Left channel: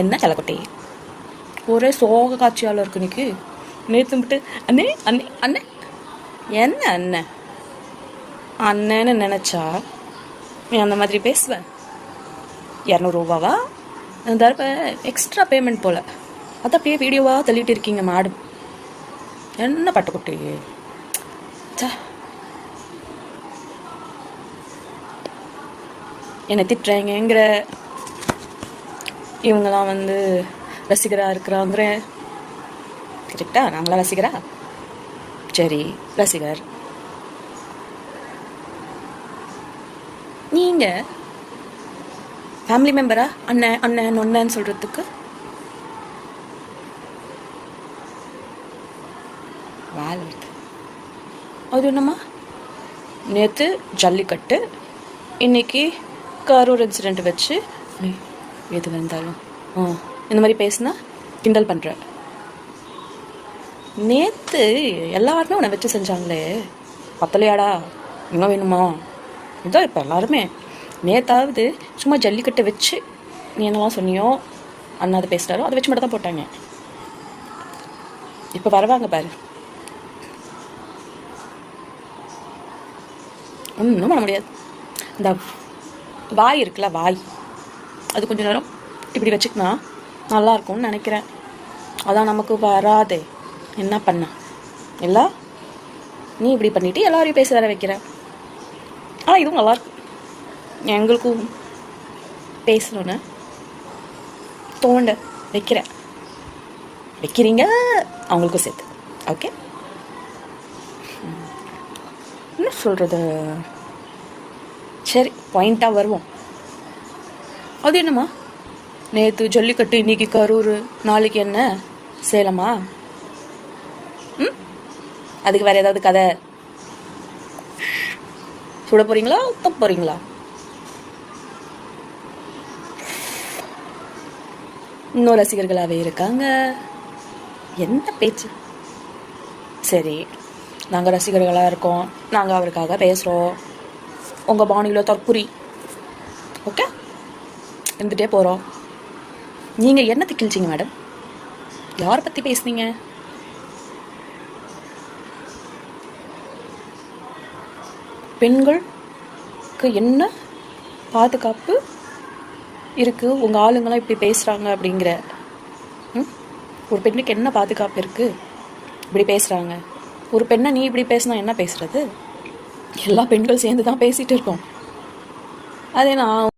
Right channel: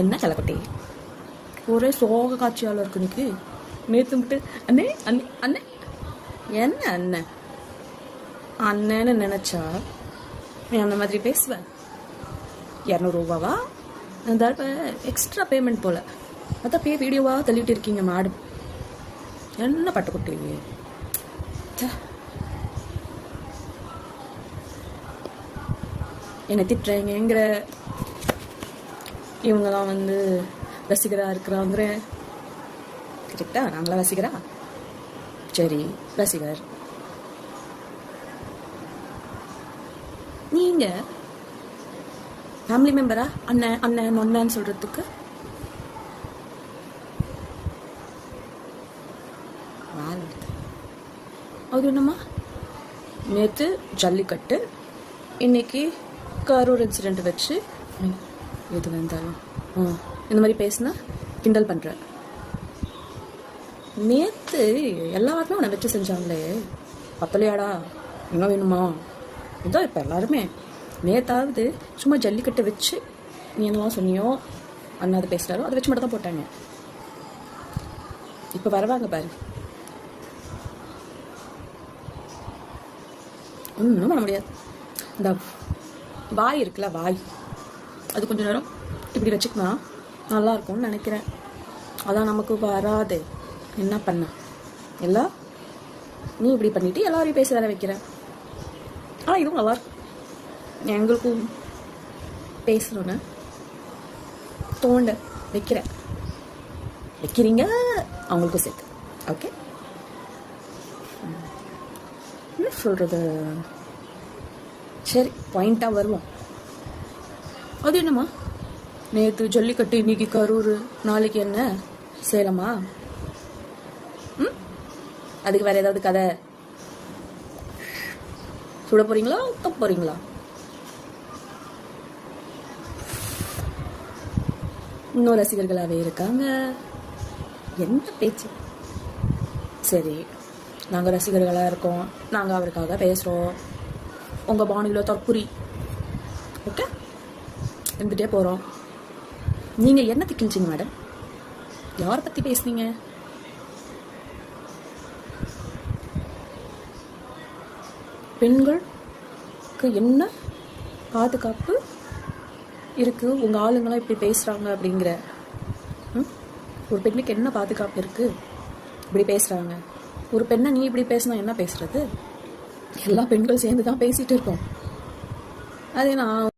என்ன தலைக்குட்டி ஒரே சோக காட்சியால் இருக்கு இன்னைக்கு. நேற்று விட்டு அண்ணே அண்ணே அண்ணே என்ன அண்ணன் அண்ணன்னு நினச்சா நீ அந்த மாதிரி பேசுவேன். 200 ரூபாவா தடவை எக்ஸ்ட்ரா பேமெண்ட் போல், அதை அப்படியே வீடியோவாக தள்ளிட்டு இருக்கீங்க மாடு. என்ன பட்டுக்குட்டி என்னை திட்டுறேங்கிற, இவங்கெல்லாம் வந்து ரசிகராக இருக்கிறாங்கிற. கரெக்டா? நாங்களாம் ரசிகரா? சரி, ரசிகர். நீங்கள் ஃபேமிலி மெம்பரா? அண்ணன் அண்ணன் ஒன்னன்னு சொல்கிறதுக்கு அது என்னம்மா? நேற்று ஜல்லிக்கட்டு, இன்னைக்கு கரூர் இன்சிடெண்ட் வச்சு எது வந்தாலும் இந்த மாதிரி பேசுனா கிண்டல் பண்ணுற. நேற்று எல்லாருமே உன்னை வச்சு செஞ்சாங்களே, பத்தலையாடா? இன்னும் வேணுமா? இதான் இப்போ எல்லாருமே. நேற்றாவது சும்மா ஜல்லிக்கட்டை வச்சு நீ என்னவா சொன்னியோ, அண்ணா அதை பேசுகிறாரோ அதை வச்சு மட்டும் தான் போட்டாங்க. இப்போ வருவாங்க பாரு, ஒன்றும் பண்ண முடியாது. இந்த வாய் இருக்குல்ல, வாய், அது கொஞ்சம் நேரம் இப்படி வச்சுக்கினா நல்லாயிருக்கும்னு நினைக்கிறேன். அதான் நமக்கு வராதே. என்ன பண்ண எல்லாம் நீ இப்படி பண்ணிவிட்டு எல்லாரையும் பேச வர வைக்கிற. ஆனால் இதுவும் நல்லாயிருக்கும். எங்களுக்கும் பேசணுன்னு தோண்ட வைக்கிறீங்க, அவங்களுக்கும் சேர்த்து. ஓகே, என்ன சொல்கிறது? சரி, பாயிண்ட்டாக வருவோம். அது என்னம்மா? நேற்று ஜல்லிக்கட்டு, இன்னைக்கு கரூர், நாளைக்கு என்ன சேலமா? அதுக்கு வேறு ஏதாவது கதை சுட போகிறீங்களா, ஊற்ற போகிறீங்களா? இன்னும் ரசிகர்களாகவே இருக்காங்க. என்ன பேச்சு? சரி, நாங்கள் ரசிகர்களாக இருக்கோம், நாங்கள் அவருக்காக பேசுகிறோம். உங்கள் பாணியில் தற்குறி ஓகே இருந்துகிட்டே போகிறோம். நீங்கள் என்ன திக்கிழிச்சிங்க மேடம்? யாரை பற்றி பேசுனீங்க? பெண்களுக்கு என்ன பாதுகாப்பு இருக்குது? உங்கள் ஆளுங்களாம் இப்படி பேசுகிறாங்க அப்படிங்கிற. ஒரு பெண்ணுக்கு என்ன பாதுகாப்பு இருக்குது? இப்படி பேசுகிறாங்க. ஒரு பெண்ணை நீ இப்படி பேசினா என்ன பேசுகிறது? எல்லா பெண்கள் சேர்ந்து தான் பேசிகிட்டு இருக்கோம். அதே நான்